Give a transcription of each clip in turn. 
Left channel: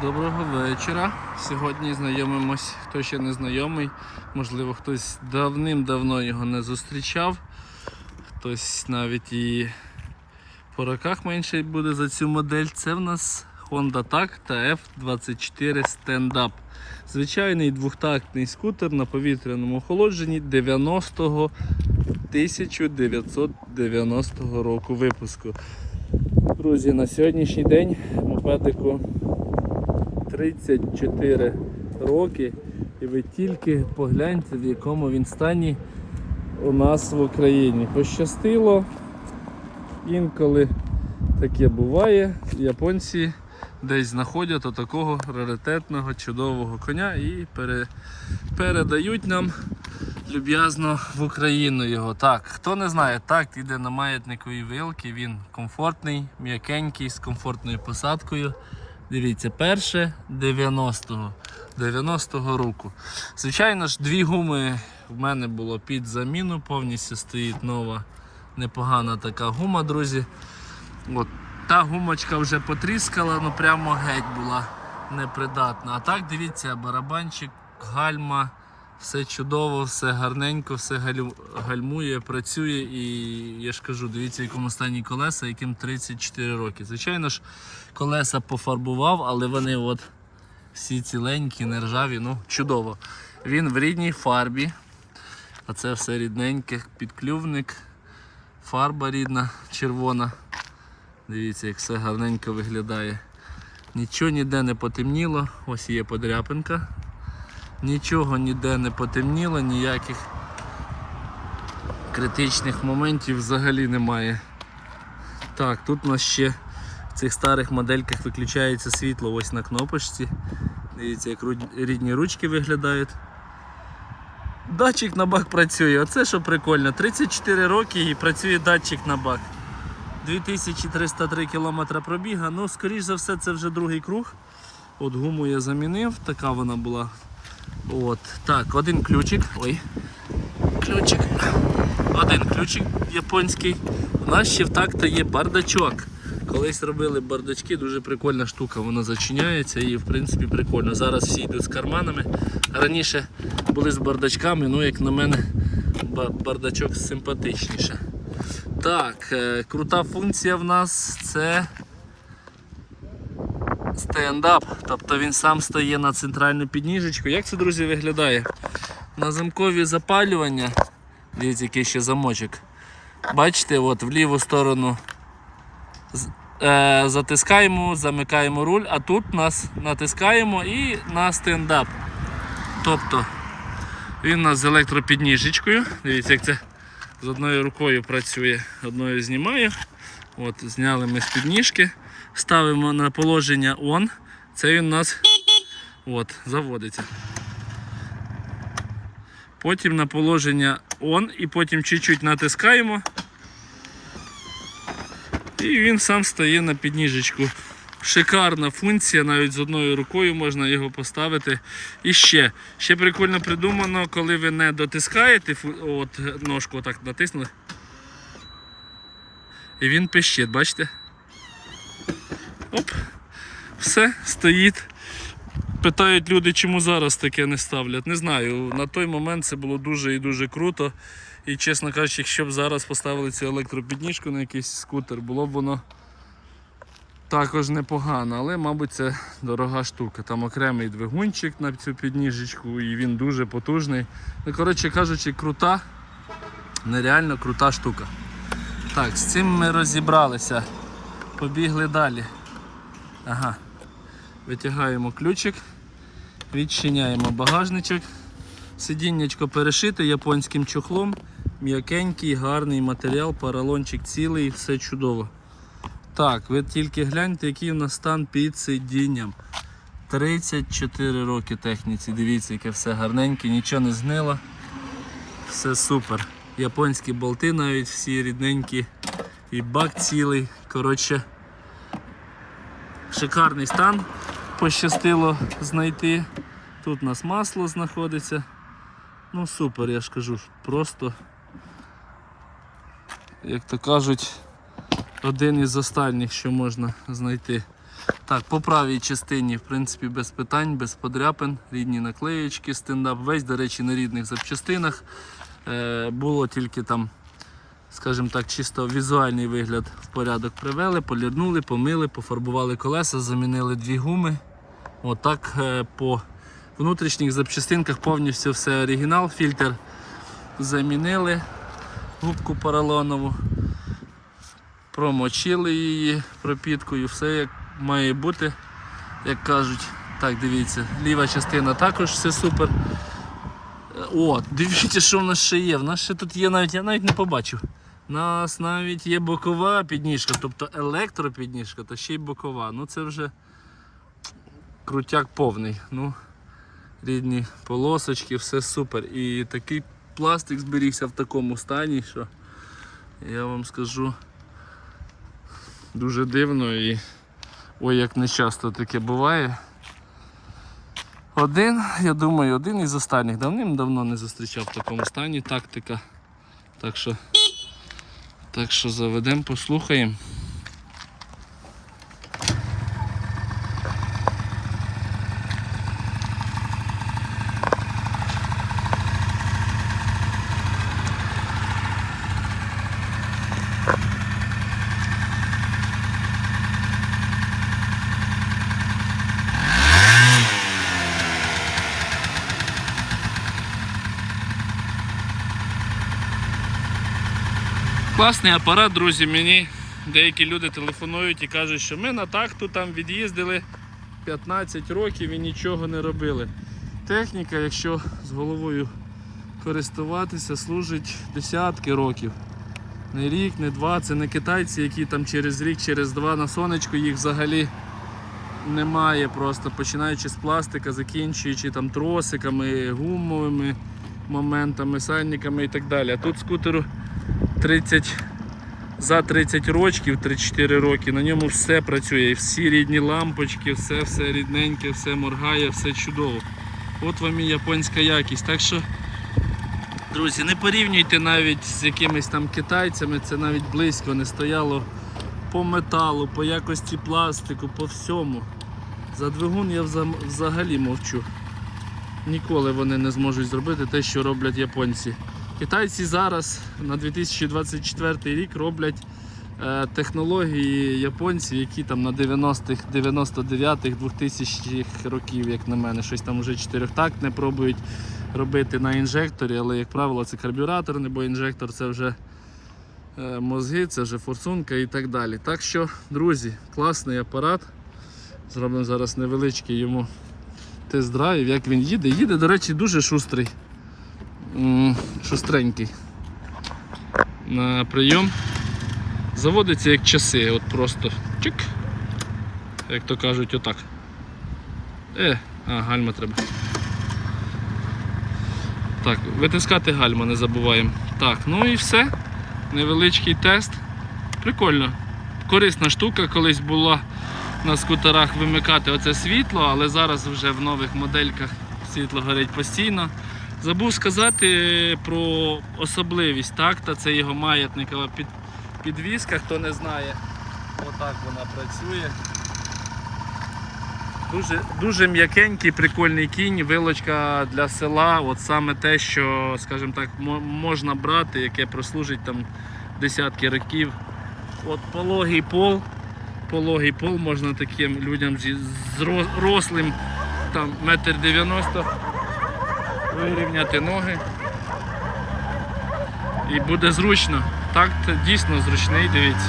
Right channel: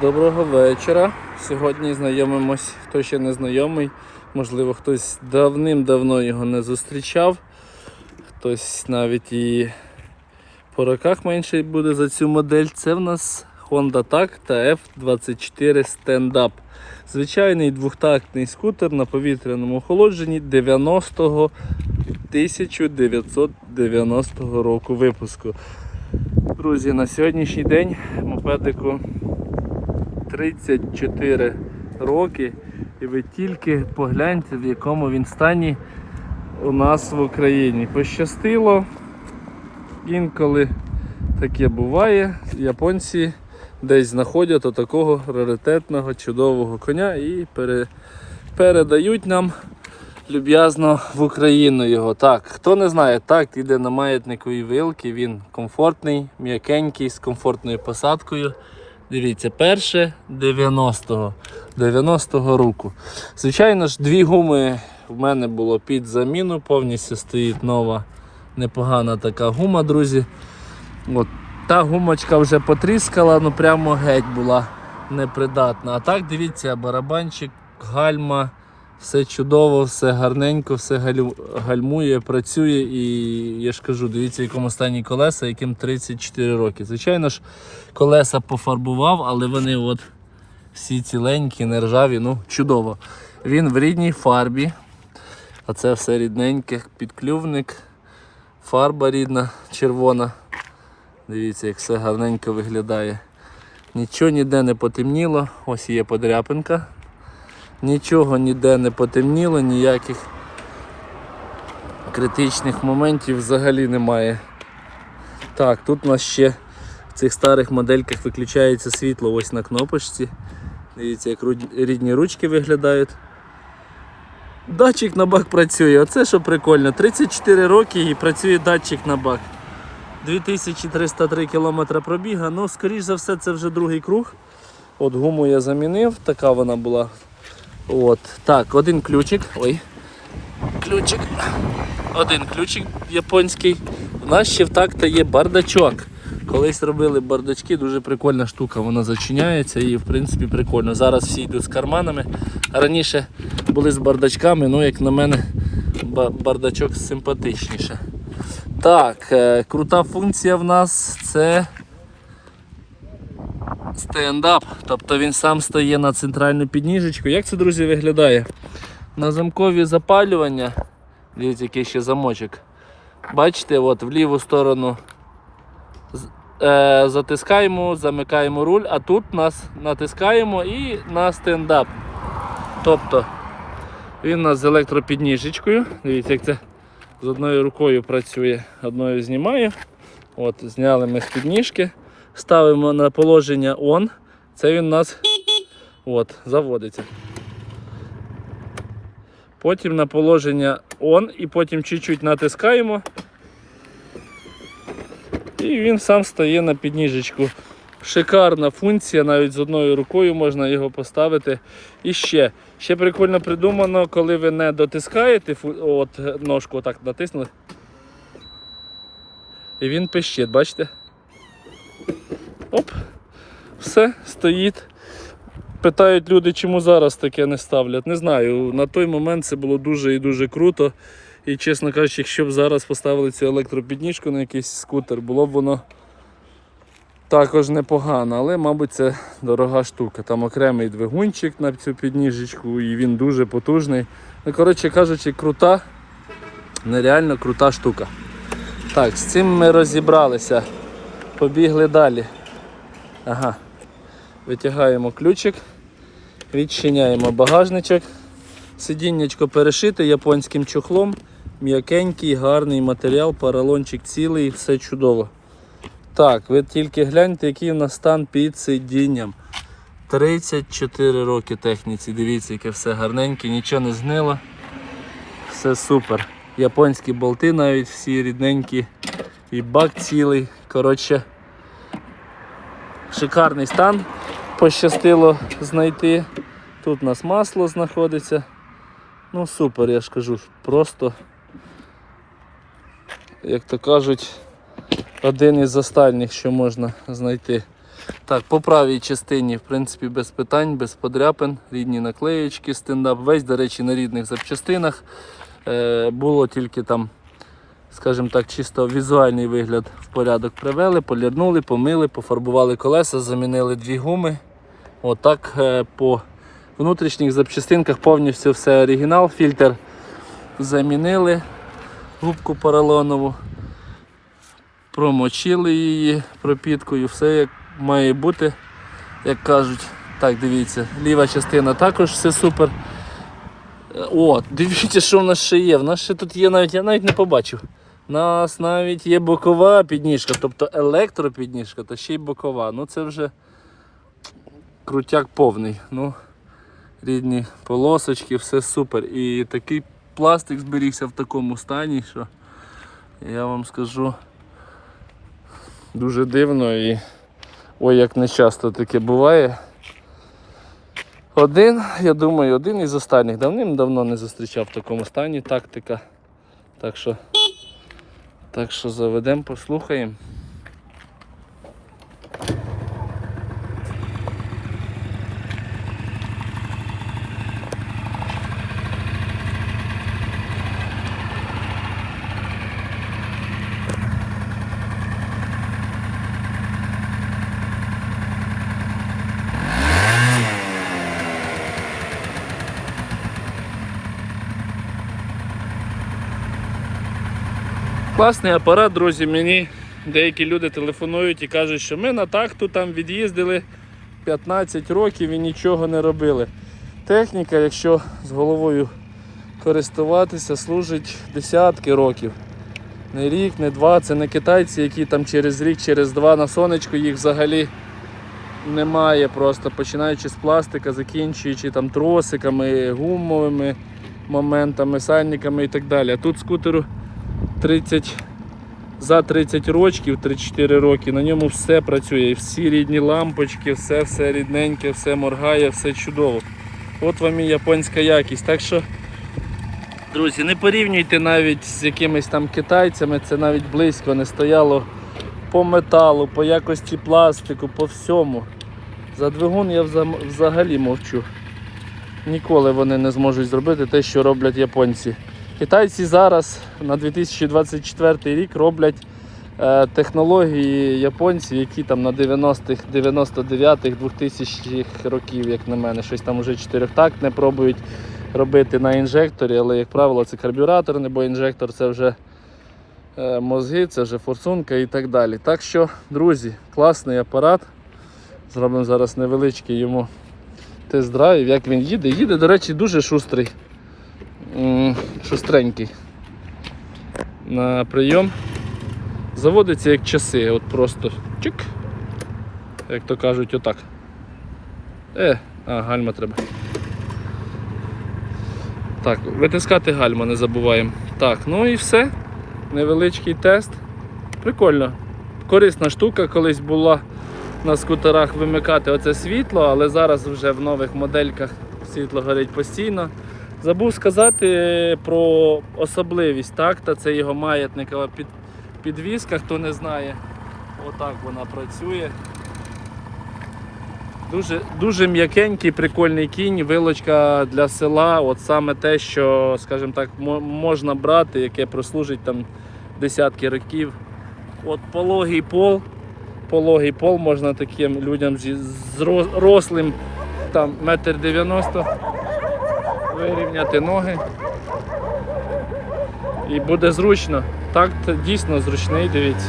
Доброго вечора. Сьогодні знайомимось, хто ще не знайомий, можливо, хтось давним-давно його не зустрічав, хтось навіть і по роках менше буде за цю модель. Це в нас Honda TAC та F24 Stand-Up. Звичайний двохтактний скутер на повітряному охолодженні 90-го 1990 року випуску. Друзі, на сьогоднішній день мопедику 34 роки, і ви тільки погляньте, в якому він стані у нас в Україні. Пощастило, інколи таке буває. Японці десь знаходять отакого раритетного чудового коня і пере, передають нам люб'язно в Україну його. Так, хто не знає, так, іде на маятниковій вилки, він комфортний, м'якенький, з комфортною посадкою. Дивіться, перше 90-го 90-го року. Звичайно ж, дві гуми в мене було під заміну, повністю стоїть нова непогана така гума, друзі. От, та гумочка вже потріскала, ну прямо геть була непридатна. А так, дивіться, барабанчик, гальма, все чудово, все гарненько, все гальмує, працює і я ж кажу, дивіться, в якому стані колеса, яким 34 роки. Звичайно ж, колеса пофарбував, але вони от всі ціленькі, не ржаві, ну чудово. Він в рідній фарбі. Оце все рідненьке, підклювник, фарба рідна, червона. Дивіться, як все гарненько виглядає. Нічого ніде не потемніло, ось є подряпинка. Нічого ніде не потемніло, ніяких критичних моментів взагалі немає. Так, тут у нас ще в цих старих модельках виключається світло ось на кнопочці. Дивіться, як рідні ручки виглядають. Датчик на бак працює, оце що прикольно. 34 роки і працює датчик на бак. 2303 км пробіга, ну, скоріш за все, це вже другий круг. От гуму я замінив, така вона була. От. Так, один ключик. Ой. Ключик. Один ключик японський. У нас ще в такта є бардачок. Колись робили бардачки, дуже прикольна штука, вона зачиняється і в принципі прикольно. Зараз всі йдуть з карманами. Раніше були з бардачками, ну як на мене бардачок симпатичніше. Так, е, крута функція в нас це стендап. Тобто він сам стає на центральну підніжечку. Як це, друзі, виглядає? На замкові запалювання. Дивіться, який ще замочок. Бачите, от в ліву сторону е, затискаємо, замикаємо руль, а тут нас натискаємо і на стендап. Тобто він у нас з електропідніжечкою. Дивіться, як це з одною рукою працює, одною знімаю. От, зняли ми з підніжки, ставимо на положення on. Це він у нас от, заводиться. Потім на положення on і потім чуть-чуть натискаємо. І він сам стає на підніжечку. Шикарна функція, навіть з одною рукою можна його поставити. І ще, ще прикольно придумано, коли ви не дотискаєте от ножку, отак натиснули. І він пищить, бачите? Оп, все, стоїть. Питають люди, чому зараз таке не ставлять. Не знаю. На той момент це було дуже і дуже круто. І чесно кажучи, якщо б зараз поставили цю електропідніжку на якийсь скутер, було б воно також непогано, але, мабуть, це дорога штука. Там окремий двигунчик на цю підніжечку, і він дуже потужний. Ну, коротше кажучи, крута, нереально крута штука. Так, з цим ми розібралися. Побігли далі. Ага. Витягаємо ключик, відчиняємо багажничок. Сидіннячко перешите японським чохлом. М'якенький, гарний матеріал, поролончик цілий, все чудово. Так, ви тільки гляньте, який у нас стан під сидінням. 34 роки техніці, дивіться, яке все гарненьке, нічого не згнило. Все супер. Японські болти навіть всі рідненькі. І бак цілий. Коротше, шикарний стан. Пощастило знайти. Тут у нас масло знаходиться. Ну супер, я ж кажу, просто, як то кажуть, один із останніх, що можна знайти. Так, по правій частині, в принципі, без питань, без подряпин, рідні наклеєчки, стендап, весь, до речі, на рідних запчастинах. Е, було тільки там, скажімо так, чисто візуальний вигляд в порядок привели, полірнули, помили, пофарбували колеса, замінили дві гуми. Отак е, по внутрішніх запчастинках повністю все оригінал, фільтр замінили, губку поролонову, промочили її пропіткою, все як має бути, як кажуть. Так, дивіться, ліва частина також все супер. Е, О, дивіться, що в нас ще є. В нас ще тут є навіть, я навіть не побачив. У нас навіть є бокова підніжка, тобто електропідніжка та ще й бокова. Ну це вже крутяк повний. Ну, рідні полосочки, все супер. І такий пластик зберігся в такому стані, що я вам скажу дуже дивно і ой, як не часто таке буває. Один, я думаю, один із останніх давним-давно не зустрічав в такому стані тактика. Так що, так що заведемо, послухаємо. Класний апарат, друзі. Мені деякі люди телефонують і кажуть, що ми на такту там від'їздили 15 років і нічого не робили. Техніка, якщо з головою користуватися, служить десятки років. Не рік, не два. Це не китайці, які там через рік, через два на сонечко їх взагалі немає. Просто починаючи з пластика, закінчуючи там тросиками, гумовими моментами, сальниками і так далі. А тут скутеру 30 за 30 років, 3-4 роки, на ньому все працює. І всі рідні лампочки, все все рідненьке, все моргає, все чудово. От вам і японська якість. Так що, друзі, не порівнюйте навіть з якимись там китайцями, це навіть близько не стояло по металу, по якості пластику, по всьому. За двигун я взагалі мовчу. Ніколи вони не зможуть зробити те, що роблять японці. Китайці зараз на 2024 рік роблять е, технології японців, які там на 90-х, 99-х, 2000-х років, як на мене, щось там вже чотирьохтактне пробують робити на інжекторі, але, як правило, це карбюратор, бо інжектор це вже е, мозги, це вже форсунка і так далі. Так що, друзі, класний апарат. Зробимо зараз невеличкий йому тест-драйв, як він їде. Їде, до речі, дуже шустрий. Шустренький. На прийом. Заводиться як часи, от просто чик. Як то кажуть, отак. Е, а, гальма треба. Так, витискати гальма не забуваємо. Так, ну і все. Невеличкий тест. Прикольно. Корисна штука, колись була на скутерах вимикати оце світло, але зараз вже в нових модельках світло горить постійно. Забув сказати про особливість такта, це його маятникова під, підвіска, хто не знає. Отак вона працює. Дуже, дуже м'якенький, прикольний кінь, вилочка для села. От саме те, що, скажімо так, можна брати, яке прослужить там десятки років. От пологий пол. Пологий пол можна таким людям зро- рослим там метр дев'яносто вирівняти ноги. І буде зручно. Так, дійсно зручний, дивіться.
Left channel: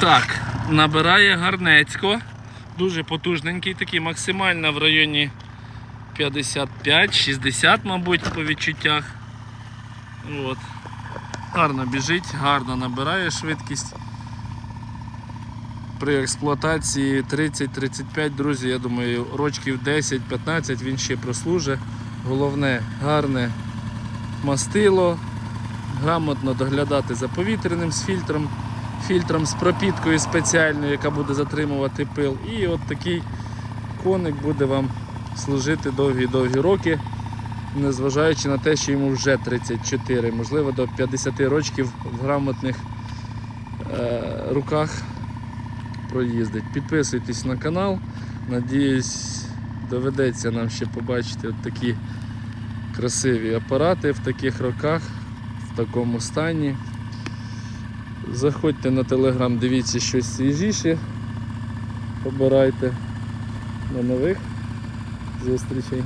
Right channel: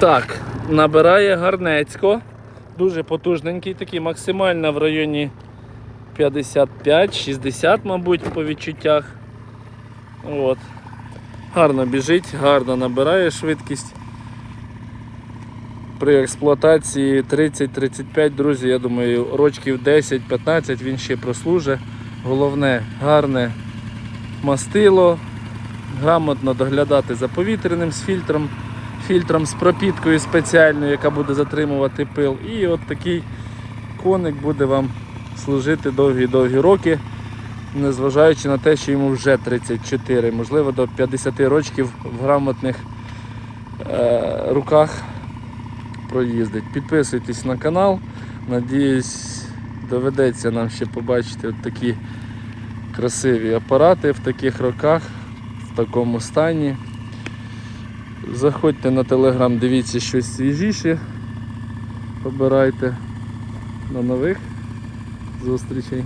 Так, набирає гарнецько. Дуже потужненький, такий максимально в районі 55-60, мабуть, по відчуттях. От. Гарно біжить, гарно набирає швидкість. При експлуатації 30-35, друзі, я думаю, рочків 10-15 він ще прослужить. Головне, гарне мастило, грамотно доглядати за повітряним з фільтром, фільтром з пропіткою спеціальною, яка буде затримувати пил. І от такий коник буде вам служити довгі-довгі роки, незважаючи на те, що йому вже 34, можливо, до 50 років в грамотних е, руках проїздить. Підписуйтесь на канал. Надіюсь, доведеться нам ще побачити от такі красиві апарати в таких роках, в такому стані. Заходьте на телеграм, дивіться щось свіжіше. Побирайте. на нових зустрічей.